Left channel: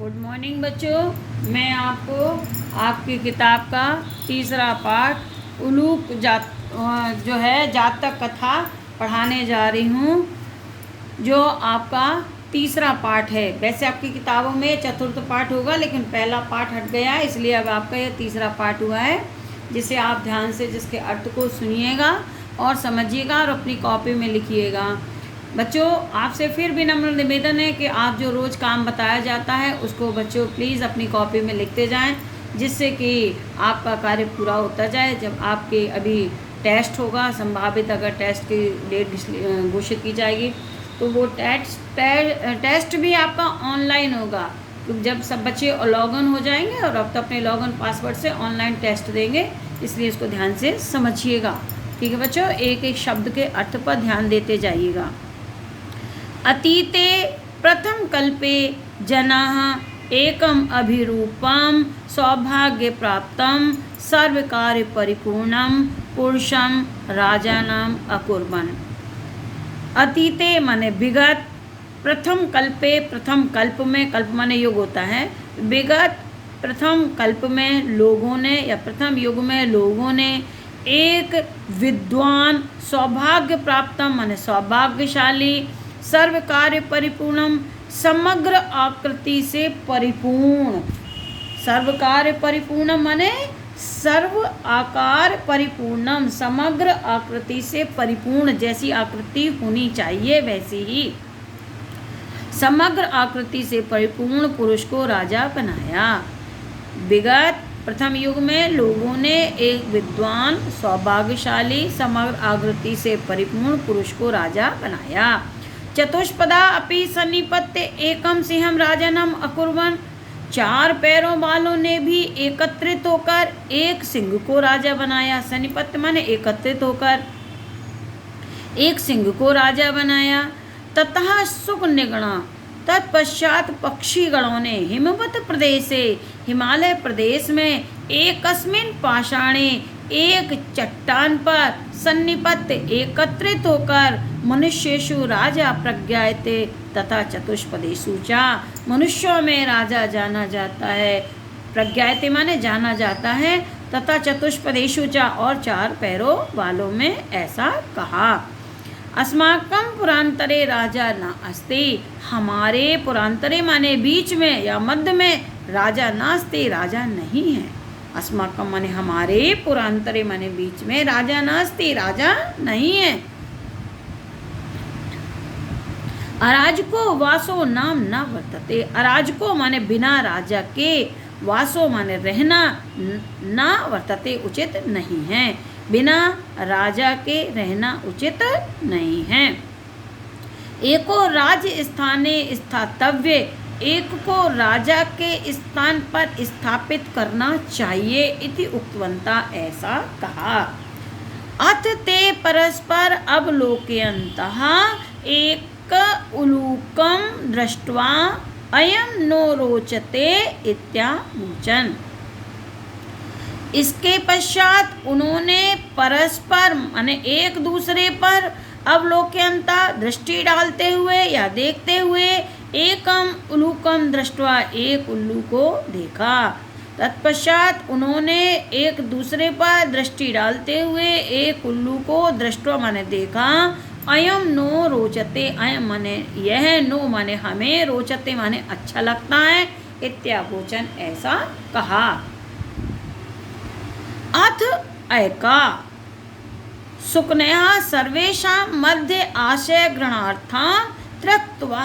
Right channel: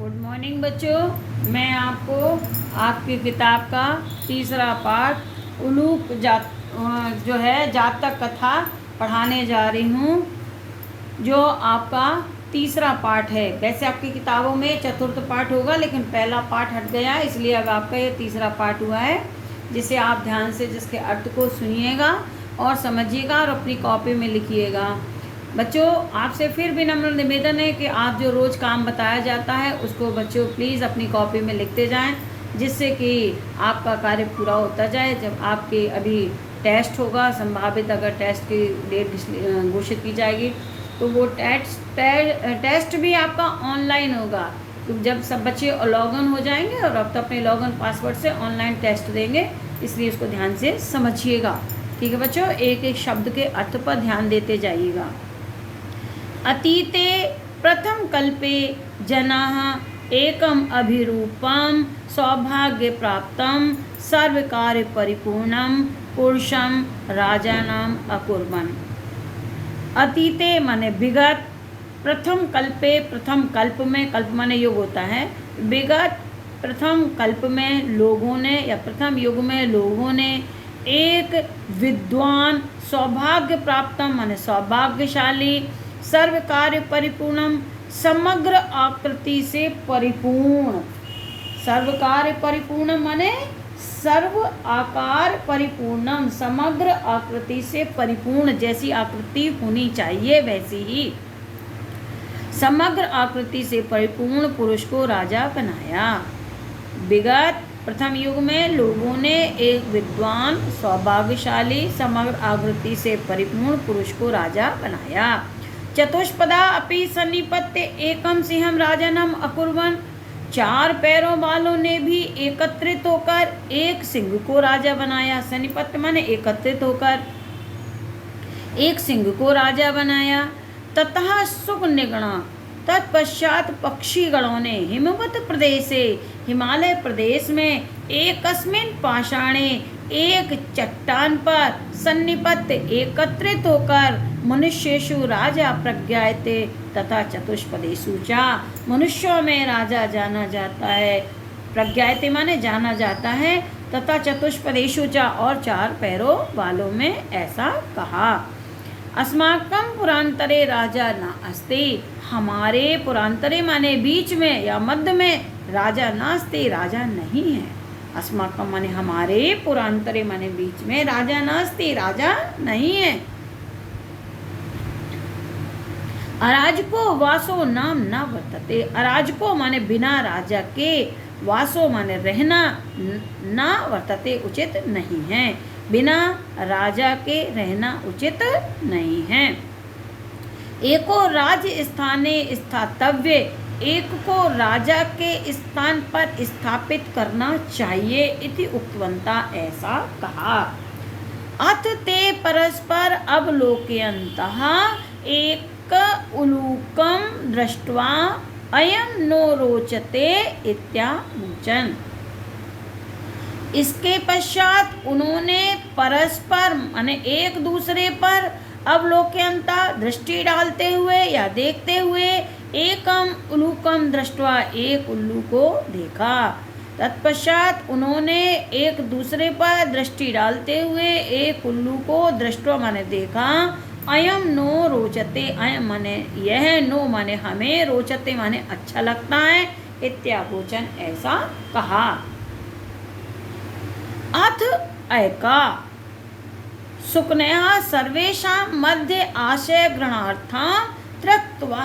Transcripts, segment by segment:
Good morning बच्चों। मैं आपको आपकी किताब का तीसरा पाठ उलूक जो है जातक कथा पढ़ाने जा रही हूँ, जो आपका तीसरा पाठ है। वैसे आपकी किताबों में चतुर्थ पाठ होगा, लेकिन पहला पाठ हट गया है, इसलिए अब आपका ये तीसरा पाठ हुआ है, जिसे आप ध्यान से जिसके अर्थ को सुनिएगा और समझिएगा और अपनी कॉपी में लिखिएगा। बच्चों, आपसे फिर भी नम्र निवेदन है कि आप जो रोज़ काम बताया जाता है उसको बच्चों प्लीज़ अपनी कॉपी में लिखते जाएं, जिससे कि आपका कार्य पूरा होता जाए। जब आपके अभी टेस्ट होगा, संभावित अगर टेस्ट की डेट घोषित की जाएगी, तो वो टेस्ट भी आपका ऑनलाइन होगा। तो जब सब बच्चे लॉगिन हो जाएंगे और अब तो अपने लॉगिन पासवर्ड से ऑनलाइन टेस्ट देंगे, इसलिए इसको ध्यान से समझिएगा। ठीक है बच्चों, एक एक शब्द के अर्थ पर ध्यान देते जाइएगा। अतीते प्रथम कल्पे जनाः एकम अभिरूपम सौभाग्य प्राप्तम सर्वकार्य परिपूर्णम पुरुषम राजानाम अकुर्वन्। अतीते माने विगत, प्रथम कल्पे प्रथम कल्प में, कल्प माने युग होता है, विगत प्रथम कल्प में लोगों ने या प्रथम युग में लोगों ने एक विद्वान सौभाग्य प्राप्तम माने सौभाग्यशाली सर्व कार्य परिपूर्णम समग्र आकृति से परिपूर्ण, सर्व कार्य परिपूर्ण माने सर्व आकार परिपूर्णम समग्र आकृति से परिपूर्ण, जैसी आकृति होनी चाहिए वैसी ही समग्र आकृति से परिपूर्ण पुरुष को राजा बनाया। विगत प्रथम युग में लोगों ने एक विद्वान सौभाग्यशाली समग्र आकृति से परिपूर्ण पुरुष को राजा बनाया। चतुष्पदा अपि सन्निपत्य एकम सिंहम राजानम अकुर्वन्। चार पैरों वालों ने भी एकत्रित होकर एक सिंह को राजा बनाया। सन्निपत्य माने एकत्रित होकर एक सिंह को राजा बनाया। ततः सुख निगणा, तत्पश्चात पक्षी गणों ने हिमवत प्रदेशे हिमालय प्रदेश में एकस्मिन् पाषाणे एक चट्टान पर सन्निपत्य एकत्रित होकर मनुष्येषु राजा प्रज्ञायते तथा चतुष्पदेषु च, मनुष्यों में राजा जाना जाता है, प्रज्ञायते माने जाना जाता है, तथा चतुष्पदेषु च और चार पैरों वालों में ऐसा कहा। अस्माकं पुरांतरे राजा न अस्ति, हमारे पुरांतरे माने बीच में या मध्य में राजा नास्ति, राजा नहीं है। अस्माकं माने हमारे, पुरांतरे माने बीच में, राजा नास्ति, राजा नहीं है। अराजको वासो नाम न वर्तते, अराजको माने बिना राजा के, वासो माने रहना, न वर्तते उचित नहीं है, बिना राजा के रहना उचित नहीं है। एको राज्य स्थाने स्थातव्य, एक को राजा के स्थान पर स्थापित करना चाहिए इति उक्तवन्ता, ऐसा कहा। अथ ते परस्पर अवलोकयन्तः एक उलूकम दृष्ट्वा अयं नो रोचते इत्यावोचन्। इसके पश्चात उन्होंने परस्पर माने एक दूसरे पर अवलोकयन्ता दृष्टि डालते हुए या देखते हुए एकम उलूकम दृष्ट्वा एक उल्लू को देखा। तत्पश्चात उन्होंने एक दूसरे पर दृष्टि डालते हुए एक उल्लू को दृष्ट्वा माने देखा। अयम नो रोचते, अयम माने यह, नो माने हमें, रोचते माने अच्छा लगता है, इत्यावोचन ऐसा कहा। अथ ऐका सुकन्या सर्वेषां मध्ये आशय ग्रहणार्थं त्यक्त्वा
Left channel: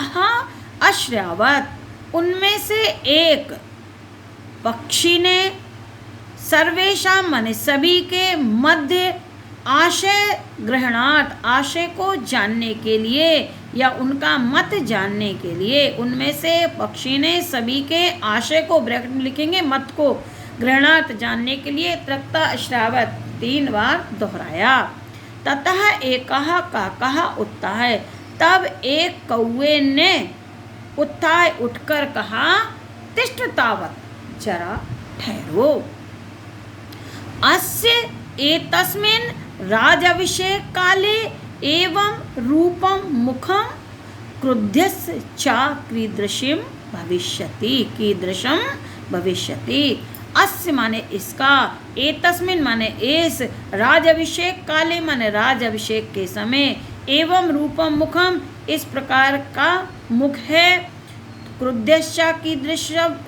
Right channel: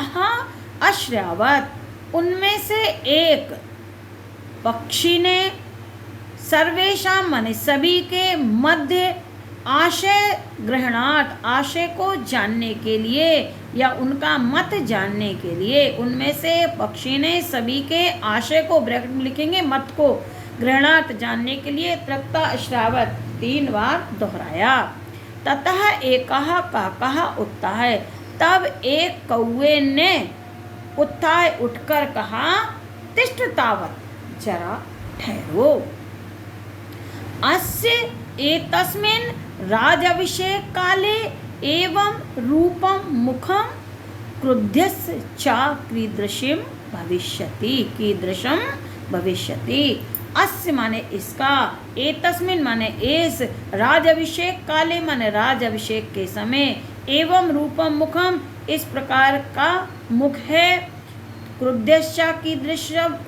अश्रावत्। उनमें से एक पक्षी ने सर्वेषां माने सभी के मध्य आशय ग्रहणार्थ, आशय को जानने के लिए या उनका मत जानने के लिए, उनमें से पक्षी ने सभी के आशय को, ब्रैकेट में लिखेंगे मत को, ग्रहणार्थ जानने के लिए त्यक्त्वा अश्रावत् 3 बार दोहराया। ततः एकः काकः उत्थाय, तब एक कौवे ने उत्थाय उठकर कहा, तिष्ठ तावत्, जरा ठहरो। अस्य एतस्मिन् राजाभिषेक काले एवं रूपम मुखम क्रुद्धस्य च कीदृशं भविष्यति, कीदृशम भविष्यति। अस्य माने इसका, एतस्मिन् माने इस, राजाभिषेक काले माने राजाभिषेक के समय, एवं रूपम मुखम इस प्रकार का मुख है, क्रुद्धश्च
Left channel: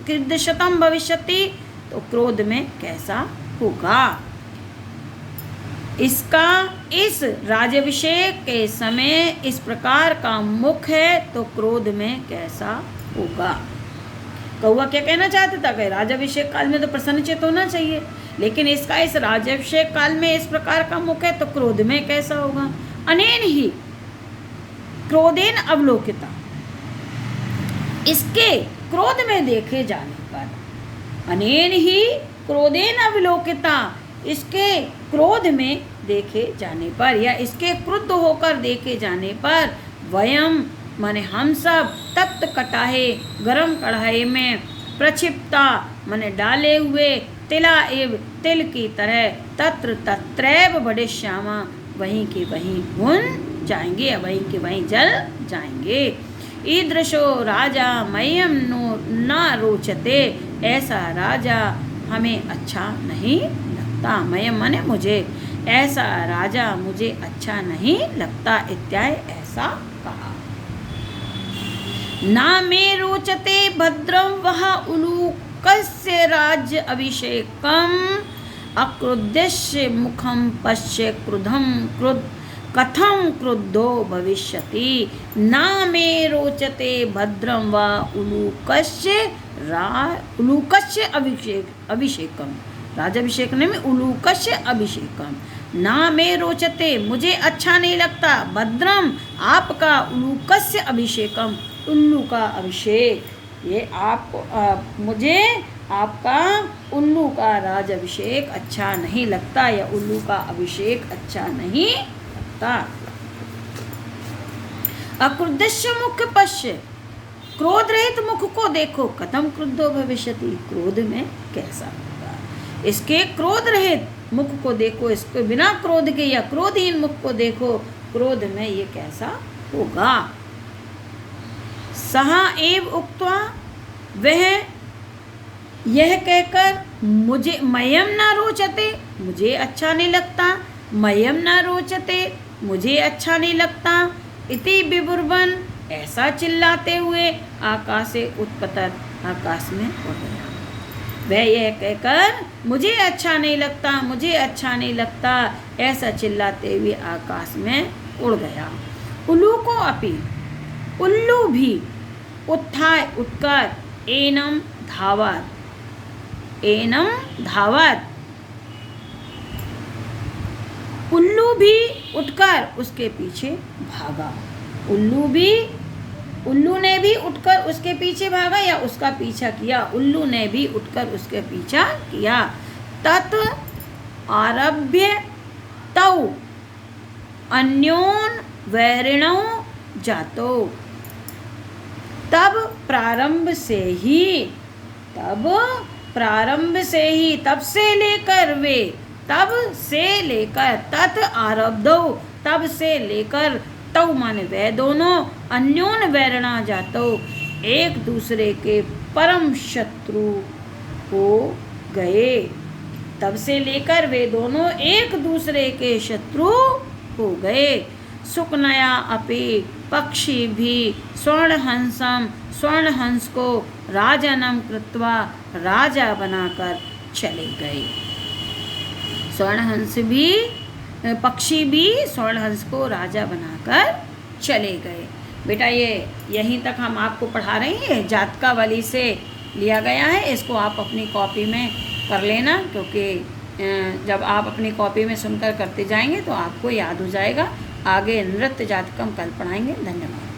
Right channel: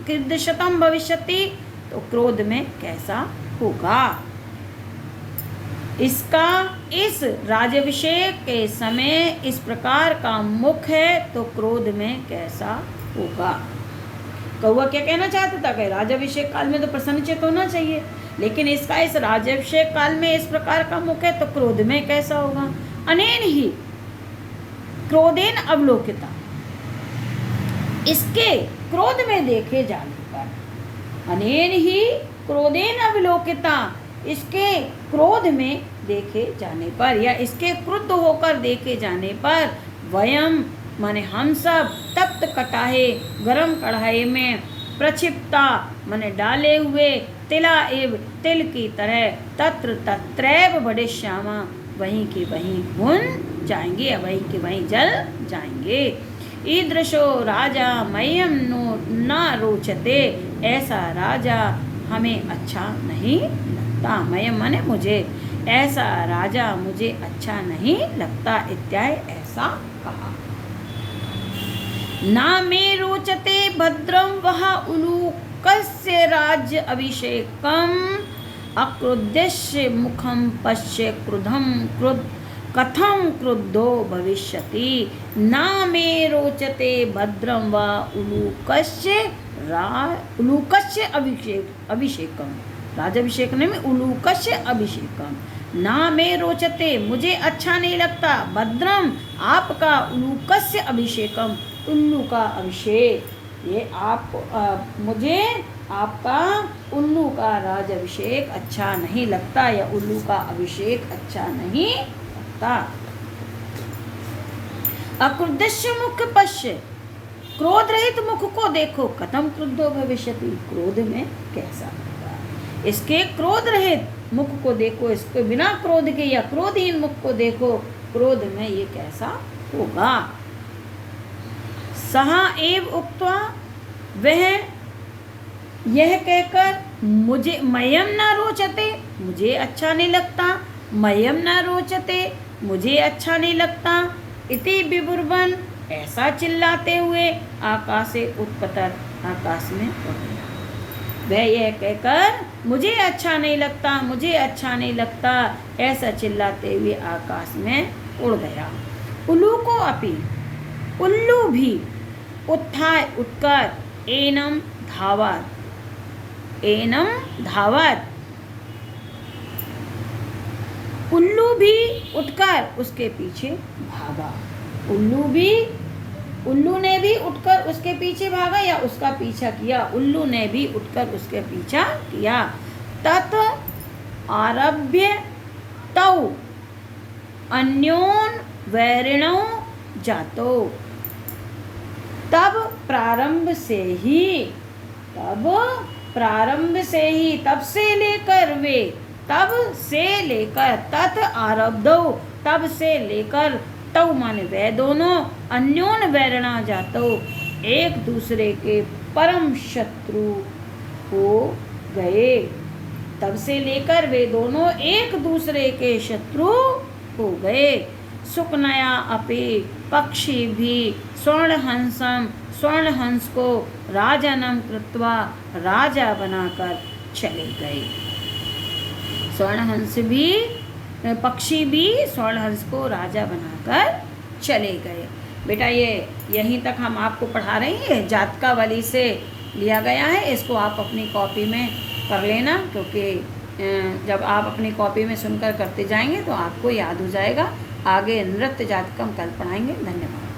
कीदृशतम भविष्यति तो क्रोध में कैसा होगा। इसका इस राज्याभिषेक के समय इस प्रकार का मुख है तो क्रोध में कैसा होगा। कौआ क्या कहना चाहता था कि राज्याभिषेक काल में तो प्रसन्नचित्त होना चाहिए, लेकिन इसका इस राज्याभिषेक काल में इस प्रकार का मुख है तो क्रोध में कैसा होगा। अनेन ही क्रोधेन अवलोकिता, इसके क्रोध में देखे जाने पर, अनेन ही क्रोधेन अवलोकिता, इसके क्रोध में देखे जाने पर या इसके क्रुद्ध होकर देखे जाने पर, वयम माने हम सब, तप्त कटाहे गरम कढ़ाई में, प्रक्षिप्ता माने डाले हुए, तिला एव तिल की तरह, तत्र तत्रैव बढ़िष्यामा वहीं के वहीं भुन जाएंगे, वहीं के वहीं जल जाएंगे। ईदृशो राजा मह्यम नो न रोचते, ऐसा राजा हमें अच्छा नहीं लगता। मह्यम माने मुझे, ऐसा राजा मुझे अच्छा नहीं लगता, इत्यादि ऐसा कहा। ना मे रोचते भद्रम वह उलूकस्य राज्य अभिषेकम, अक्रुद्धस्य मुखम पश्य क्रुधम कथम क्रुद्धो भविष्यति। ना मे रोचते भद्रम व उलूकस्य अभिषेकम, राजाभिषेक में उलूकस्य अभिषेकम। ना मे रोचते मुझे अच्छा नहीं लगता, भद्रम आपका, उलूकस्य अभिषेकम उल्लू का अभिषेक, ये आपको मुझे आपका उल्लू का राजाभिषेक अच्छा नहीं लगता या उल्लू का अभिषेक अच्छा नहीं लगता। अक्रुद्धस्य मुख पश्य, क्रोध रहित मुख को देखो, कथम क्रुद्धो भविष्यति, क्रोध में कैसा होगा। इसके क्रोध रहित मुख को देखो, इसके बिना क्रोध के या क्रोधहीन मुख को देखो, क्रोध में ये कैसा होगा। सहा एव उक्त्वा, वह यह कहकर मुझे, मह्यम न रोचते मुझे अच्छा नहीं लगता, मह्यम न रोचते मुझे अच्छा नहीं लगता, इति विबुर्वन ऐसा चिल्लाते हुए आकाशे उत्पतत, आकाश में उड़ गया। वह यह कहकर मुझे अच्छा नहीं लगता, मुझे अच्छा नहीं लगता, ऐसा चिल्लाते हुए आकाश में उड़ गया। उल्लू को अपी, उल्लू भी उत्थाय उठकर, एनम धावत, एनम धावत, उल्लू भी उठकर उसके पीछे भागा। उल्लू ने भी उठकर उसके पीछे भागा या उसका पीछा किया, उल्लू ने भी उठकर उसके पीछा किया। तत आरभ्य तौ अन्योन वैरिणौ जातो, तब प्रारंभ से ही, तब से लेकर वे, तब से लेकर, तत् आरब्धौ तब से लेकर, तौ माने वे दोनों, अन्योन वैरणा जातो एक दूसरे के परम शत्रु हो गए। तब से लेकर वे दोनों एक दूसरे के शत्रु हो गए। सुकनया अपि, पक्षी भी, स्वर्णहंसम, स्वर्णहंस को राजानम कृत्वा, राजा बनाकर चले गए। स्वर्णहंस भी, पक्षी भी स्वर्णहंस को राजा बनाकर चले गए। बेटा ये यहीं तक हम आपको पढ़ा रहे हैं, जातकावली से लिया गया है। इसको आप अपनी कॉपी में कर लेना, क्योंकि जब आप अपनी कॉपी में सुनकर करते जाएंगे तो आपको याद हो जाएगा। आगे नृत्य जातकम कल पढ़ाएंगे। धन्यवाद।